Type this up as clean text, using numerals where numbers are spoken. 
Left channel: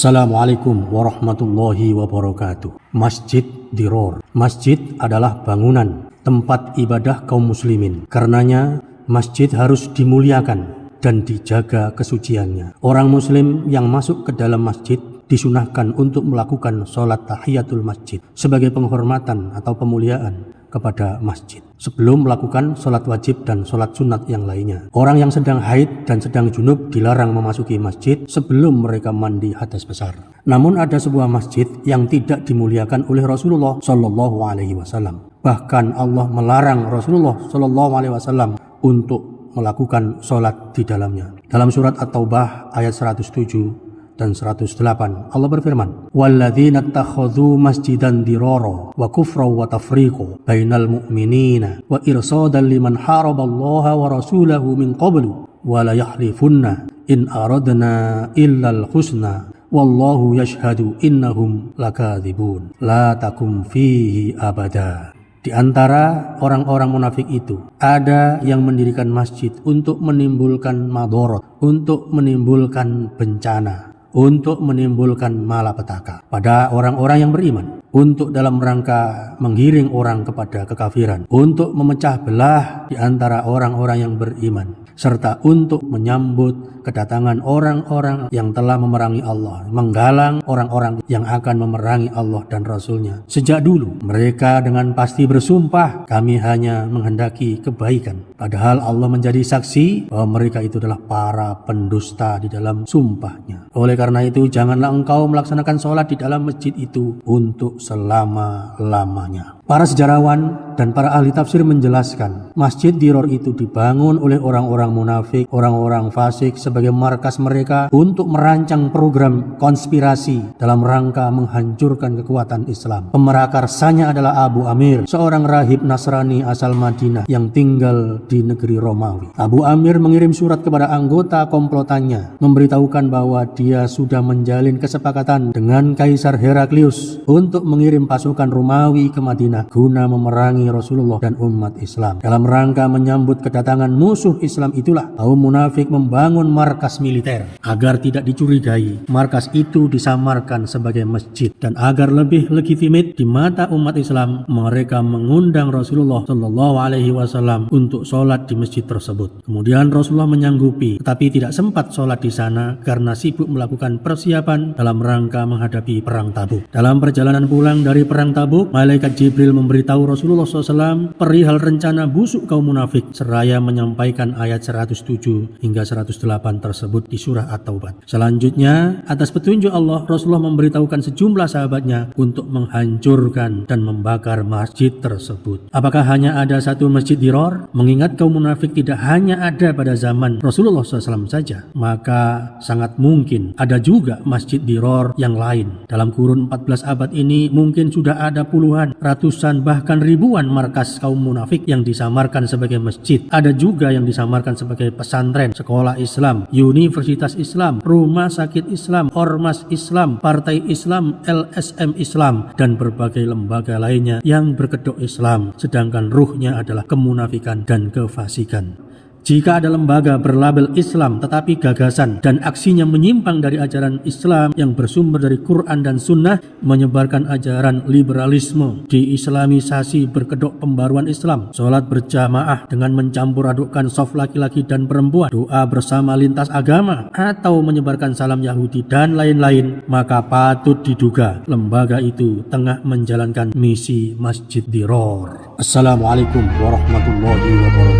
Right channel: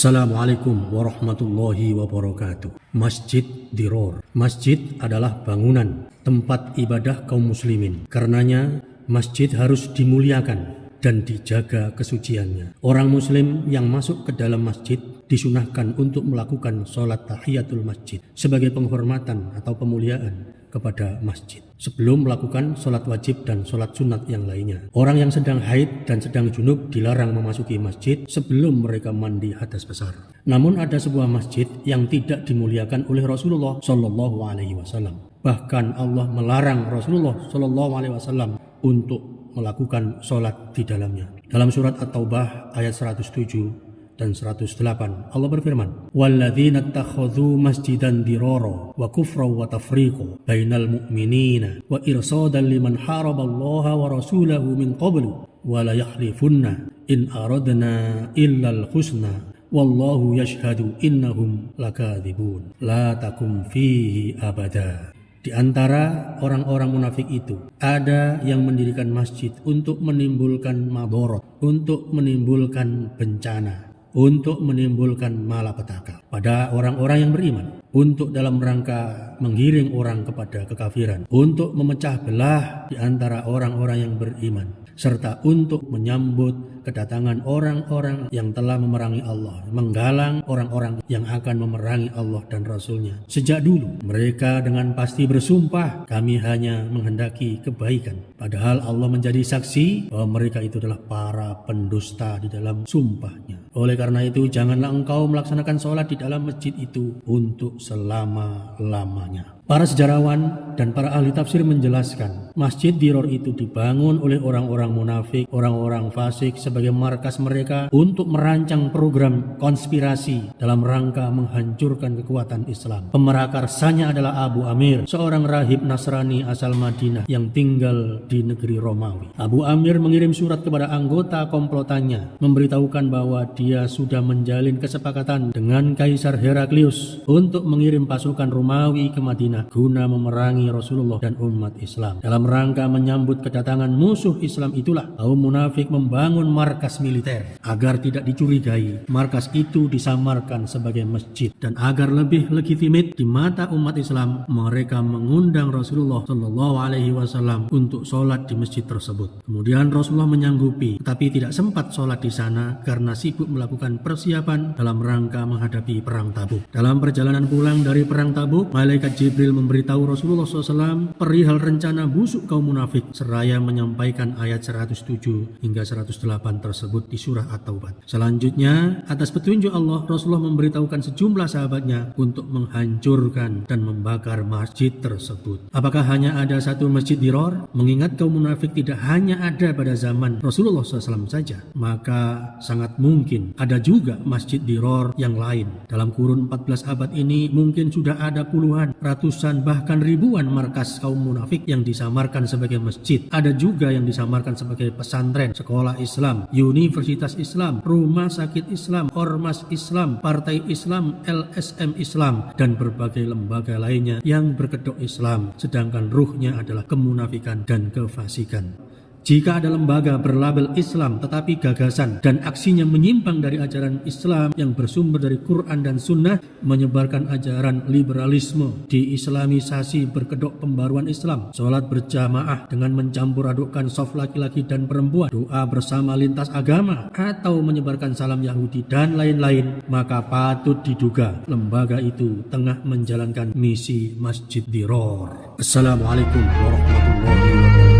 Assalamualaikum warahmatullahi wabarakatuh. Masjid Diror. Masjid adalah bangunan tempat ibadah kaum muslimin. Karenanya masjid harus dimuliakan dan dijaga kesuciannya. Orang muslim yang masuk ke dalam masjid disunahkan untuk melakukan sholat tahiyatul masjid sebagai penghormatan atau pemuliaan kepada masjid sebelum melakukan sholat wajib dan sholat sunat yang lainnya. Orang yang sedang haid dan sedang junub dilarang memasuki masjid sebelum mereka mandi hadas besar. Namun ada sebuah masjid yang tidak dimuliakan oleh Rasulullah Shallallahu Alaihi Wasallam. Bahkan Allah melarang Rasulullah Shallallahu Alaihi Wasallam untuk melakukan sholat di dalamnya. Dalam surat At-Taubah ayat 107 dan 108 Allah berfirman, "Walladzina ittakhadhu masjidan dirara wa kufra wa tafriqa bainal mu'minina wa irsadan liman haraballaha wa rasulahu min qablu wa la yahlifunna in aradna illal husna wallahu yashhadu innahum lakadzibun la takum fihi abada." Di antara orang-orang munafik itu ada yang mendirikan masjid untuk menimbulkan madharat, untuk menimbulkan bencana, untuk menimbulkan malapetaka pada orang-orang yang beriman, untuk dalam rangka menggiring orang kepada kekafiran, untuk memecah belah di antara orang-orang yang beriman, serta untuk menyambut kedatangan orang-orang yang telah memerangi Allah, menggalang orang-orang yang akan memerangi Allah dan Rasul-Nya. Sejak dulu mereka dengan pasti bersumpah, kami hanya menghendaki kebaikan, padahal Allah menjadi saksi bahwa mereka itu adalah para pendusta di dalam sumpahnya. Oleh karena itu janganlah engkau melaksanakan sholat di dalam masjid itu untuk selama-lamanya. Para sejarawan dan para ahli tafsir menjelaskan, Masjid Diror itu dibangun oleh orang-orang munafik, orang-orang fasik sebagai markas mereka untuk merancang program konspirasi dalam rangka menghancurkan kekuatan Islam. Pemerakarsanya adalah Abu Amir, seorang rahib Nasrani asal Madinah yang tinggal di negeri Romawi. Abu Amir mengirim surat kepada anggota komplotannya, memberitahukan bahwa dia sudah menjalin kesepakatan dengan Kaisar Heraklius untuk mengirim pasukan Romawi ke Madinah guna memerangi Rasulullah dan umat Islam. Dalam rangka menyambut kedatangan musuh Islam itulah kaum munafik membangun markas militer agar tidak dicurigai. Markas itu disamarkan sebagai masjid, dan agar lebih legitimate di mata umat Islam, mereka mengundang Rasulullah Shallallahu Alaihi Wasallam untuk sholat di masjid tersebut. Kemudian Rasulullah menyanggupi, tetapi tidak sempat sholat di sana karena sibuk melakukan persiapan dalam rangka menghadapi perang Tabuk. Dalam perjalanan pulang dari perang Tabuk, malaikat Jibril memberitahu Rasulullah SAW perihal rencana busuk kaum munafik, seraya menyampaikan ayat 107 hingga 108 tersebut di surah At-Taubah. Selanjutnya, atas petunjuk Allah, Rasulullah memberitahukan sejumlah sahabatnya untuk menghancurkan dan membakar masjid tersebut. Apakah hanya ada satu masjid Diror? Mengingat kaum munafik tidak hanya ada pada zaman Rasulullah SAW saja, maka sangat mungkin ada juga masjid Diror yang lain. Dalam kurun 14 abad ini mungkin sudah ada puluhan, ratusan, bahkan ribuan markas kaum munafik yang disamarkan sebagai masjid. Ada juga yang disamarkan sebagai pesantren, sekolah Islam, universitas Islam, rumah sakit Islam, ormas Islam, partai Islam, LSM Islam, dan berbagai lembaga lainnya yang berkedok Islam, sedangkan ruhnya adalah kemunafikan dan kefasikan. Jika ada lembaga berlabel Islam tetapi gagasan dan aksinya menyimpang dari ajaran Islam yang bersumber dari Quran dan Sunnah, menyebarkan ajaran liberalisme, diislamisasi berkedok pembaruan Islam, sholat berjamaah dengan mencampur adukkan saf laki-laki dan perempuan, doa bersama lintas agama, atau menyebarkan salam Yahudi dan lain-lain, maka patut diduga lembaga itu tengah menjalankan misi Masjid Diror. Assalamualaikum warahmatullahi wabarakatuh.